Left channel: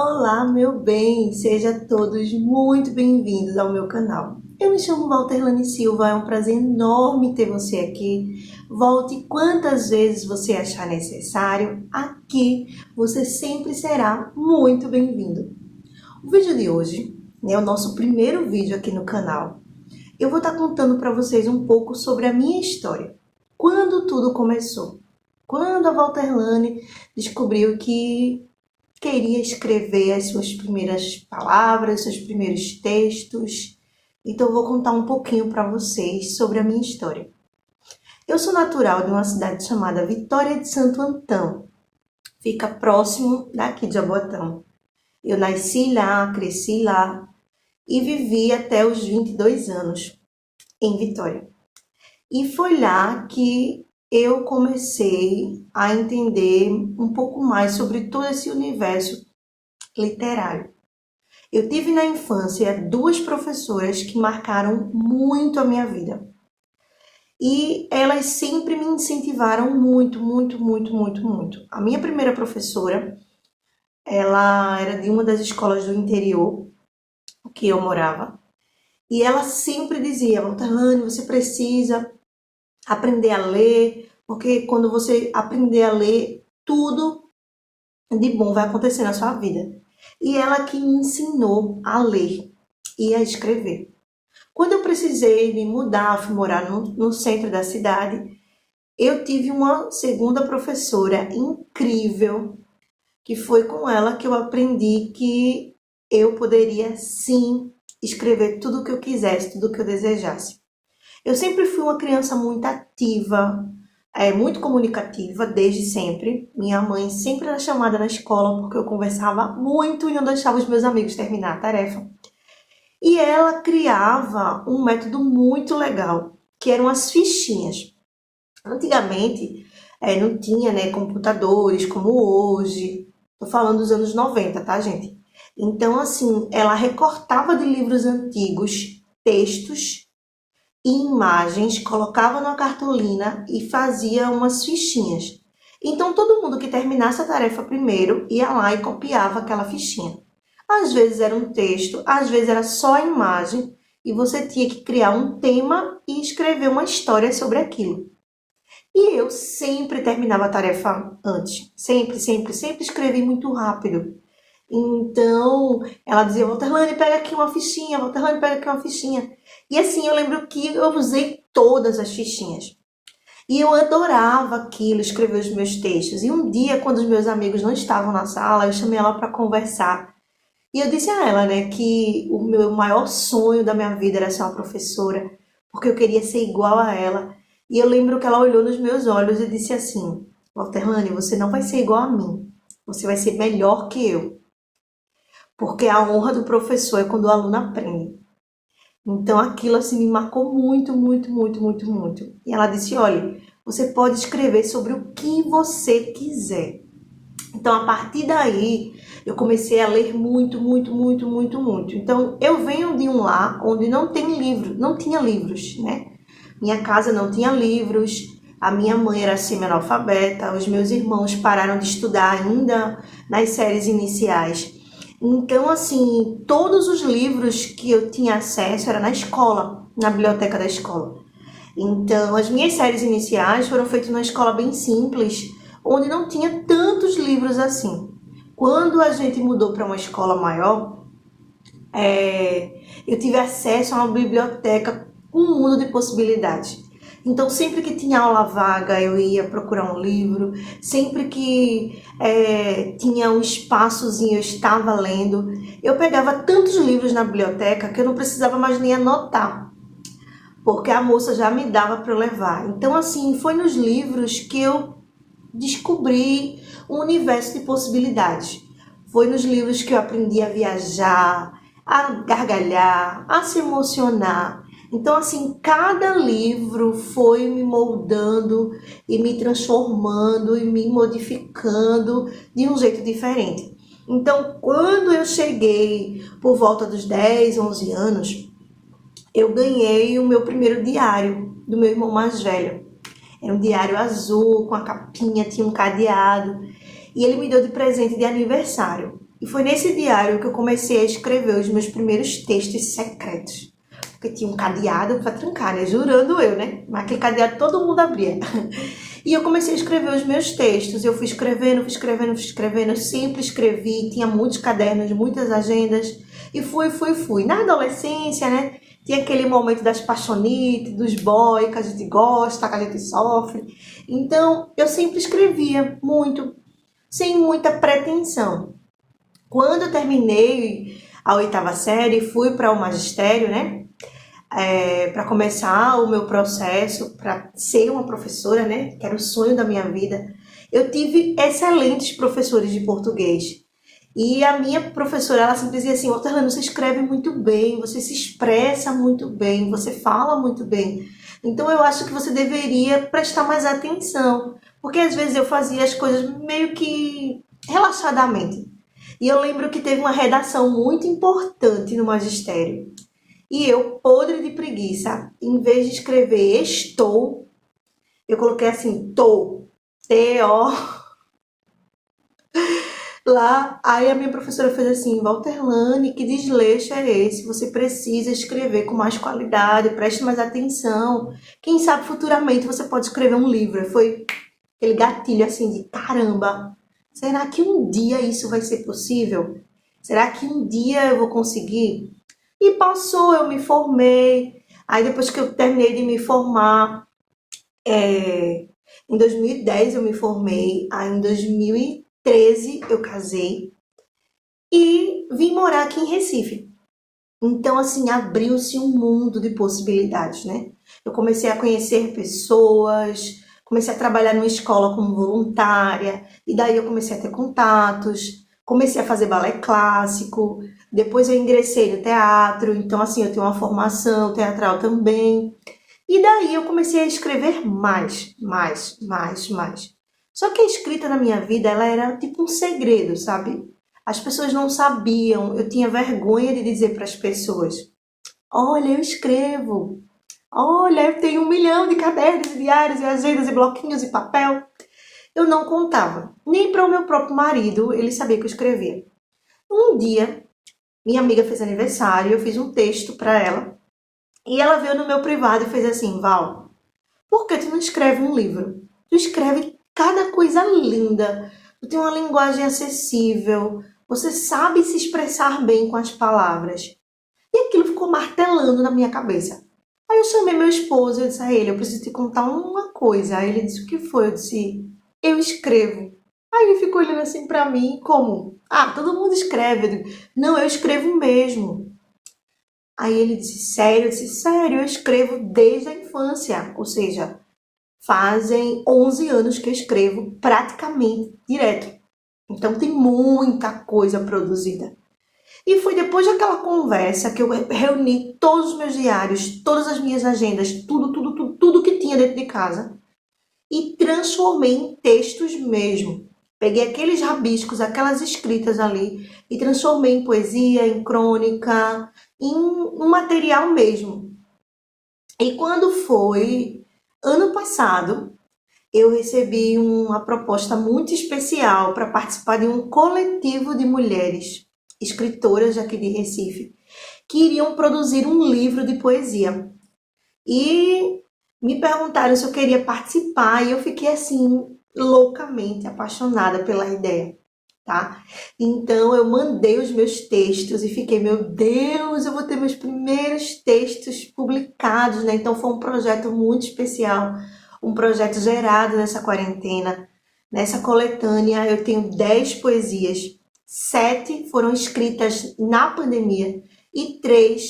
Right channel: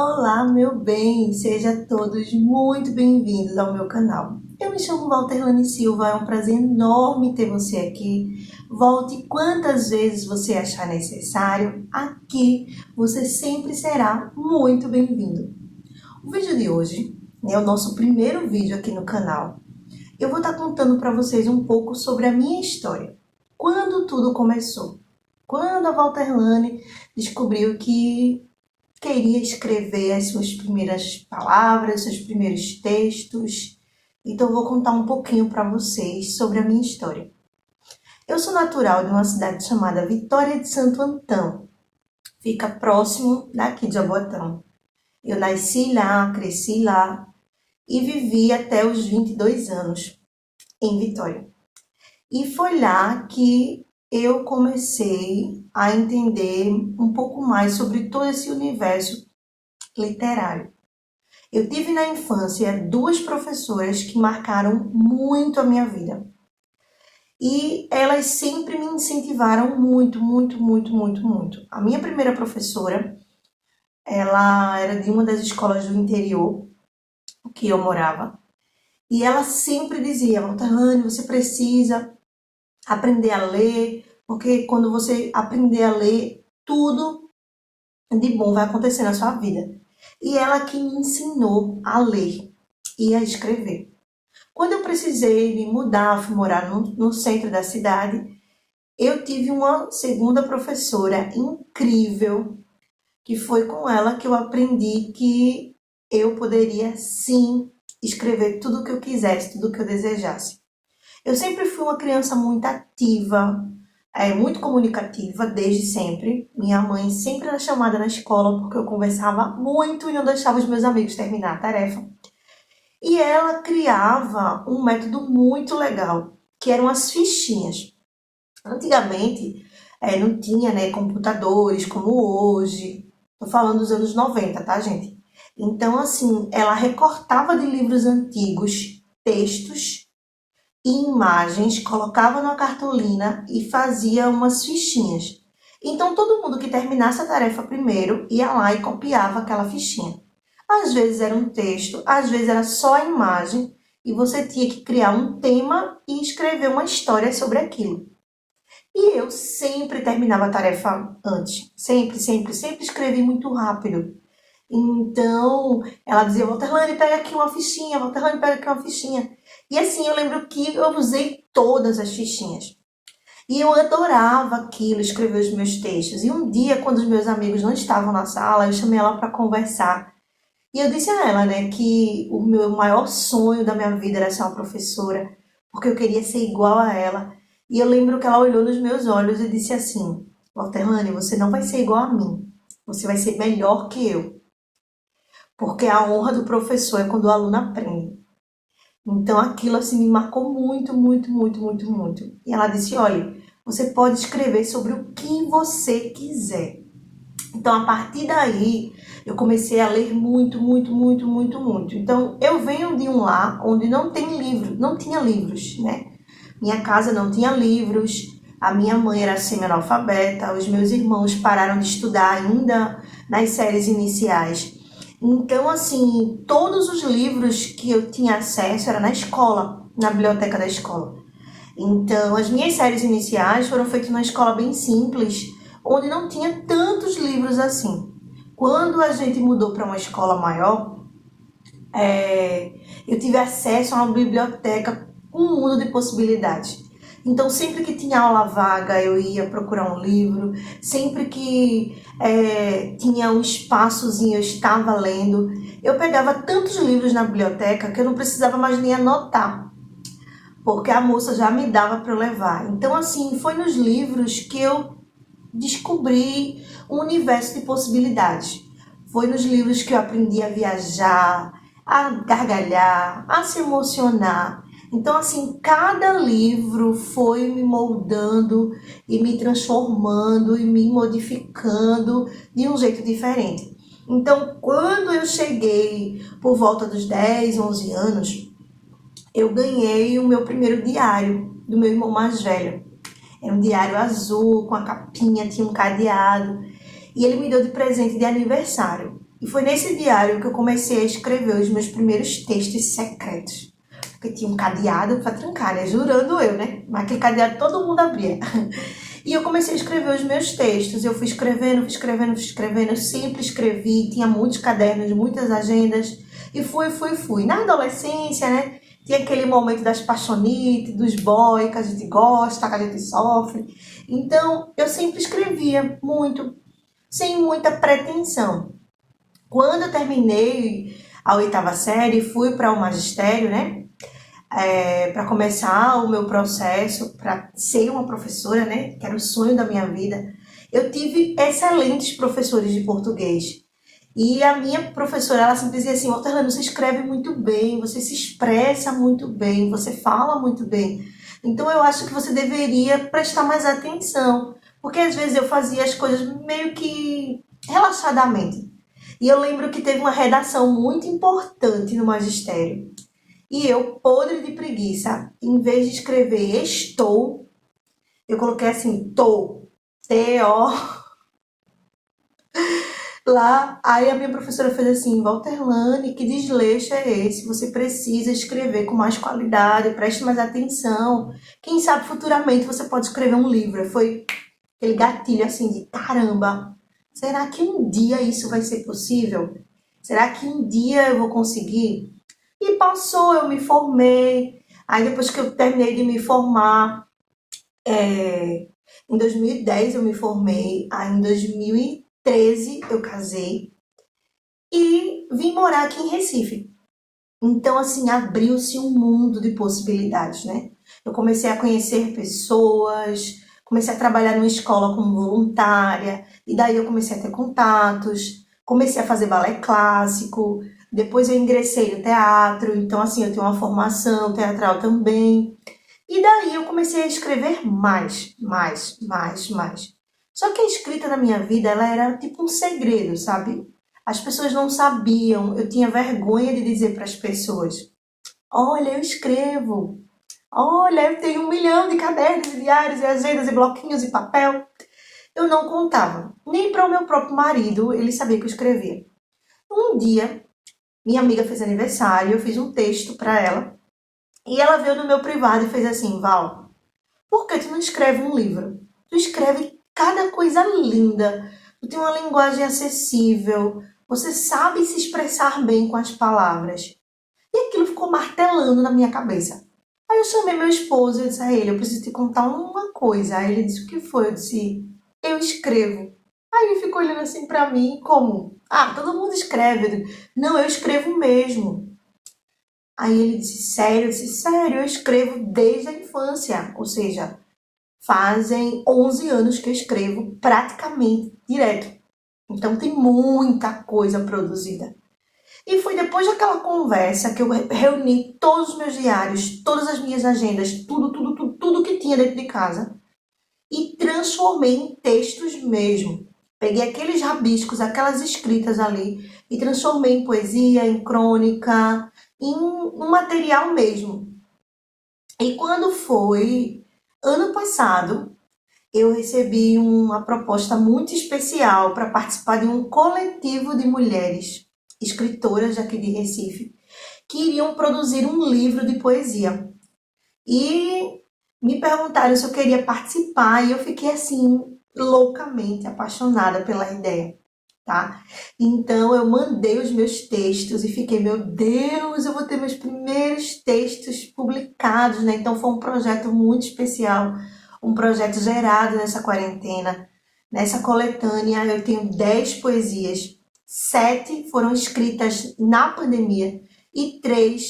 Olá, meu bem! Sejam todos muito bem-vindos ao meu canal. Eu me chamo Walterlane Silva, é um prazer enorme ter você aqui. Volte quantas vezes você achar necessário, aqui você sempre será muito bem-vindo. O vídeo de hoje é o nosso primeiro vídeo aqui no canal. Eu vou estar contando para vocês um pouco sobre a minha história. Quando tudo começou? Quando a Walterlane descobriu que queria escrever as suas primeiras palavras, seus primeiros textos. Então eu vou contar um pouquinho para vocês sobre a minha história. Eu sou natural de uma cidade chamada Vitória de Santo Antão. Fica próximo daqui de Jaboatão. Eu nasci lá, cresci lá e vivi até os 22 anos em Vitória. E foi lá que eu comecei a entender um pouco mais sobre todo esse universo literário. Eu tive na infância duas professoras que marcaram muito a minha vida. E elas sempre me incentivaram muito, muito, muito, muito, muito. A minha primeira professora, ela era de uma das escolas do interior que eu morava. E ela sempre dizia: Walterlane, você precisa aprender a ler, porque quando você aprender a ler, tudo de bom vai acontecer na sua vida. E ela que me ensinou a ler e a escrever. Quando eu precisei me mudar, fui morar no centro da cidade, eu tive uma segunda professora incrível, que foi com ela que eu aprendi que eu poderia sim escrever tudo o que eu quisesse, tudo o que eu desejasse. Eu sempre fui uma criança muito ativa, muito comunicativa desde sempre. Minha mãe sempre era chamada na escola porque eu conversava muito e não deixava os meus amigos terminar a tarefa. E ela criava um método muito legal, que eram as fichinhas. Antigamente, não tinha, né, computadores como hoje. Tô falando dos anos 90, tá, gente? Então, assim, ela recortava de livros antigos textos e imagens, colocava numa cartolina e fazia umas fichinhas. Então, todo mundo que terminasse a tarefa primeiro ia lá e copiava aquela fichinha. Às vezes era um texto, às vezes era só a imagem e você tinha que criar um tema e escrever uma história sobre aquilo. E eu sempre terminava a tarefa antes. Sempre, sempre, sempre escrevi muito rápido. Então, ela dizia: Walterlane, pega aqui uma fichinha, Walterlane, pega aqui uma fichinha. E assim, eu lembro que eu usei todas as fichinhas. E eu adorava aquilo, escrever os meus textos. E um dia, quando os meus amigos não estavam na sala, eu chamei ela para conversar. E eu disse a ela, né, que o meu maior sonho da minha vida era ser uma professora, porque eu queria ser igual a ela. E eu lembro que ela olhou nos meus olhos e disse assim: Walterlane, você não vai ser igual a mim, você vai ser melhor que eu. Porque a honra do professor é quando o aluno aprende. Então aquilo assim me marcou muito, muito, muito, muito, muito. E ela disse: olha, você pode escrever sobre o que você quiser. Então a partir daí eu comecei a ler muito, muito, muito, muito, muito. Então eu venho de um lar onde não tem livro, não tinha livros, né? Minha casa não tinha livros, a minha mãe era semi-analfabeta, os meus irmãos pararam de estudar ainda nas séries iniciais. Então, assim, todos os livros que eu tinha acesso era na escola, na biblioteca da escola. Então, as minhas séries iniciais foram feitas numa escola bem simples, onde não tinha tantos livros assim. Quando a gente mudou para uma escola maior, eu tive acesso a uma biblioteca com um mundo de possibilidades. Então, sempre que tinha aula vaga, eu ia procurar um livro. Sempre que tinha um espaçozinho, eu estava lendo. Eu pegava tantos livros na biblioteca que eu não precisava mais nem anotar, porque a moça já me dava para eu levar. Então, assim, foi nos livros que eu descobri um universo de possibilidades. Foi nos livros que eu aprendi a viajar, a gargalhar, a se emocionar. Então, assim, cada livro foi me moldando e me transformando e me modificando de um jeito diferente. Então, quando eu cheguei por volta dos 10, 11 anos, eu ganhei o meu primeiro diário do meu irmão mais velho. Era um diário azul, com a capinha, tinha um cadeado. E ele me deu de presente de aniversário. E foi nesse diário que eu comecei a escrever os meus primeiros textos secretos. Porque tinha um cadeado para trancar, né? Jurando eu, né? Mas aquele cadeado todo mundo abria. E eu comecei a escrever os meus textos. Eu fui escrevendo, fui escrevendo, fui escrevendo. Eu sempre escrevi, tinha muitos cadernos, muitas agendas. E fui. Na adolescência, né? Tinha aquele momento das paixonites, dos boys que a gente gosta, que a gente sofre. Então, eu sempre escrevia muito, sem muita pretensão. Quando eu terminei a oitava série, fui para o magistério, né? Para começar o meu processo, para ser uma professora, né? Que era o sonho da minha vida. Eu tive excelentes professores de português. E a minha professora, ela sempre dizia assim: Walterlane, você escreve muito bem, você se expressa muito bem, você fala muito bem. Então eu acho que você deveria prestar mais atenção. Porque às vezes eu fazia as coisas meio que relaxadamente. E eu lembro que teve uma redação muito importante no magistério. E eu, podre de preguiça, em vez de escrever estou, eu coloquei assim, T-O, lá. Aí a minha professora fez assim: Walterlane, que desleixo é esse? Você precisa escrever com mais qualidade, preste mais atenção. Quem sabe futuramente você pode escrever um livro. Foi aquele gatilho assim de caramba, será que um dia isso vai ser possível? Será que um dia eu vou conseguir? E passou, eu me formei. Aí depois que eu terminei de me formar, em 2010 eu me formei, aí em 2013 eu casei e vim morar aqui em Recife. Então, assim, abriu-se um mundo de possibilidades, né? Eu comecei a conhecer pessoas, comecei a trabalhar numa escola como voluntária, e daí eu comecei a ter contatos, comecei a fazer balé clássico, depois eu ingressei no teatro, então, assim, eu tenho uma formação teatral também. E daí eu comecei a escrever mais. Só que a escrita na minha vida, ela era tipo um segredo, sabe? As pessoas não sabiam, eu tinha vergonha de dizer para as pessoas: olha, eu escrevo. Olha, eu tenho 1 milhão de cadernos, e diários, e agendas, e bloquinhos, e papel. Eu não contava. Nem para o meu próprio marido, ele sabia que eu escrevia. Um dia, minha amiga fez aniversário, eu fiz um texto para ela, e ela veio no meu privado e fez assim: Val, por que tu não escreve um livro? Tu escreve cada coisa linda, tu tem uma linguagem acessível, você sabe se expressar bem com as palavras. E aquilo ficou martelando na minha cabeça. Aí eu chamei meu esposo e disse a ele: eu preciso te contar uma coisa. Aí ele disse: o que foi? Eu disse: eu escrevo. Aí ele ficou olhando assim pra mim, como: ah, todo mundo escreve. Eu digo: não, eu escrevo mesmo. Aí ele disse: sério? Eu disse: sério, eu escrevo desde a infância. Ou seja, fazem 11 anos que eu escrevo praticamente direto. Então tem muita coisa produzida. E foi depois daquela conversa que eu reuni todos os meus diários, todas as minhas agendas, tudo que tinha dentro de casa e transformei em textos mesmo. Peguei aqueles rabiscos, aquelas escritas ali e transformei em poesia, em crônica, em um material mesmo. E quando foi ano passado, eu recebi uma proposta muito especial para participar de um coletivo de mulheres escritoras aqui de Recife que iriam produzir um livro de poesia. E me perguntaram se eu queria participar e eu fiquei assim loucamente apaixonada pela ideia, tá? Então eu mandei os meus textos e fiquei: meu Deus, eu vou ter meus primeiros textos publicados, né? Então foi um projeto muito especial, um projeto gerado nessa quarentena. Nessa coletânea eu tenho 10 poesias, 7 foram escritas na pandemia e 3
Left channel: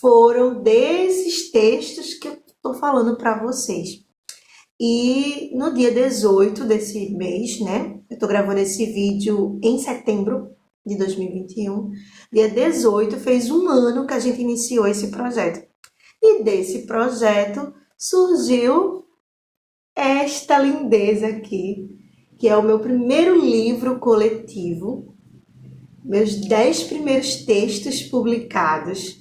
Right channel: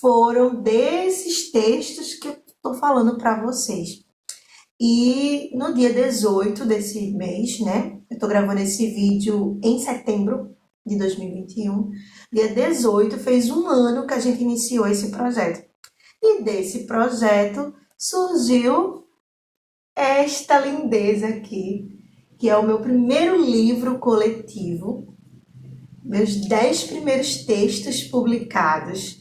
foram desses textos que eu estou falando para vocês. E no dia 18 desse mês, né? Eu estou gravando esse vídeo em setembro de 2021. Dia 18 fez 1 ano que a gente iniciou esse projeto. E desse projeto surgiu esta lindeza aqui, que é o meu primeiro livro coletivo, meus 10 primeiros textos publicados.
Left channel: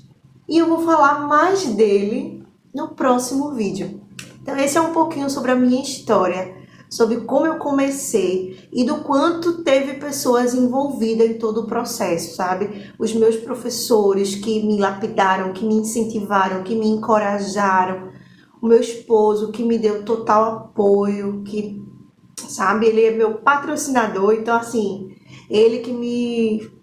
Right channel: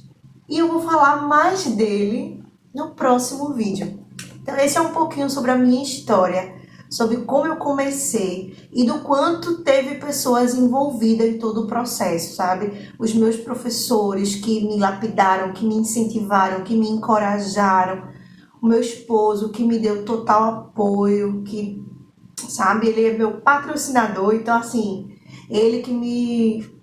E eu vou falar mais dele no próximo vídeo. Então esse é um pouquinho sobre a minha história, sobre como eu comecei e do quanto teve pessoas envolvidas em todo o processo, sabe? Os meus professores que me lapidaram, que me incentivaram, que me encorajaram, o meu esposo que me deu total apoio, que, sabe, ele é meu patrocinador, então assim, ele que me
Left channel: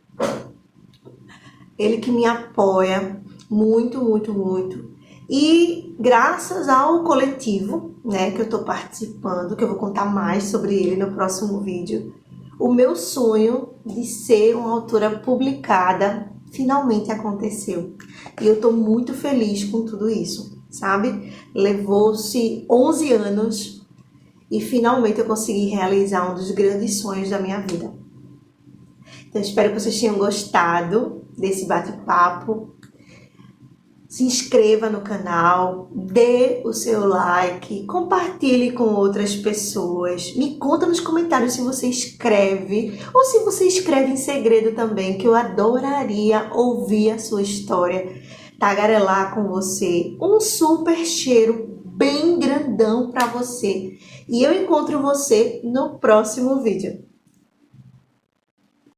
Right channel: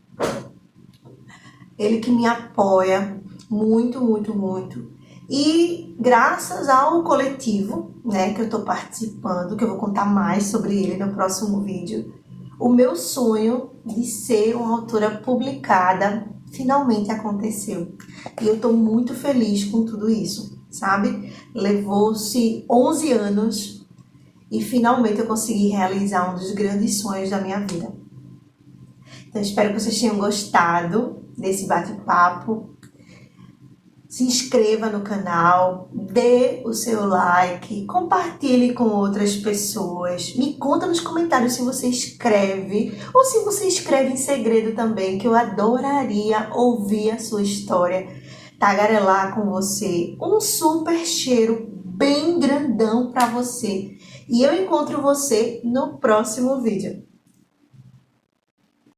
ele que me apoia muito, muito, muito. E graças ao coletivo, né, que eu tô participando, que eu vou contar mais sobre ele no próximo vídeo, o meu sonho de ser uma autora publicada finalmente aconteceu. E eu tô muito feliz com tudo isso, sabe? Levou-se 11 anos e finalmente eu consegui realizar um dos grandes sonhos da minha vida. Então, espero que vocês tenham gostado desse bate-papo. Se inscreva no canal, dê o seu like, compartilhe com outras pessoas. Me conta nos comentários se você escreve ou se você escreve em segredo também, que eu adoraria ouvir a sua história, tagarelar com você. Um super cheiro bem grandão para você. E eu encontro você no próximo vídeo.